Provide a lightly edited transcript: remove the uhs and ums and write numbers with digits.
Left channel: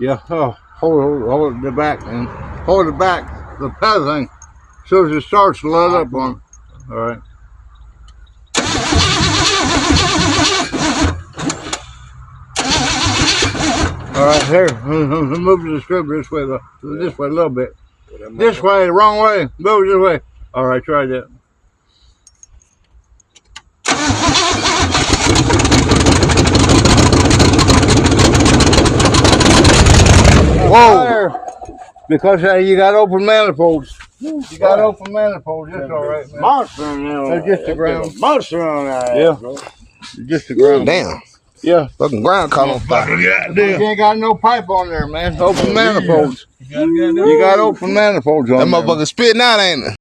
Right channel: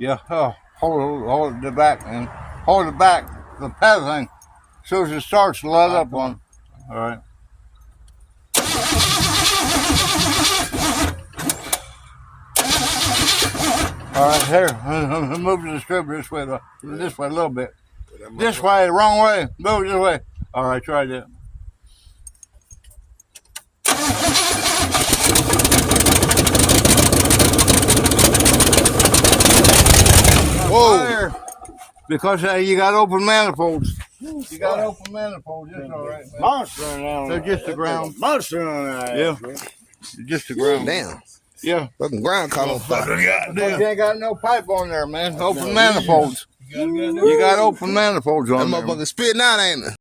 Yeah. Oh, hold the back, man. Hold the back. The pedal thing. So as it starts to let up on. All right. All right, here. Move the distributor this way, though. This way a little bit. This way, wrong way. Move this way. All right, try that. Whoa! Because you got open manifolds. You got open manifolds. That's all right, man. Monster in there. They're just the ground. Monster on that. Yeah. Just the ground. Damn. Yeah. Fucking ground caught on fire. You ain't got no pipe on there, man. Open manifolds. You got open manifolds on That there. motherfucker spitting out, ain't it?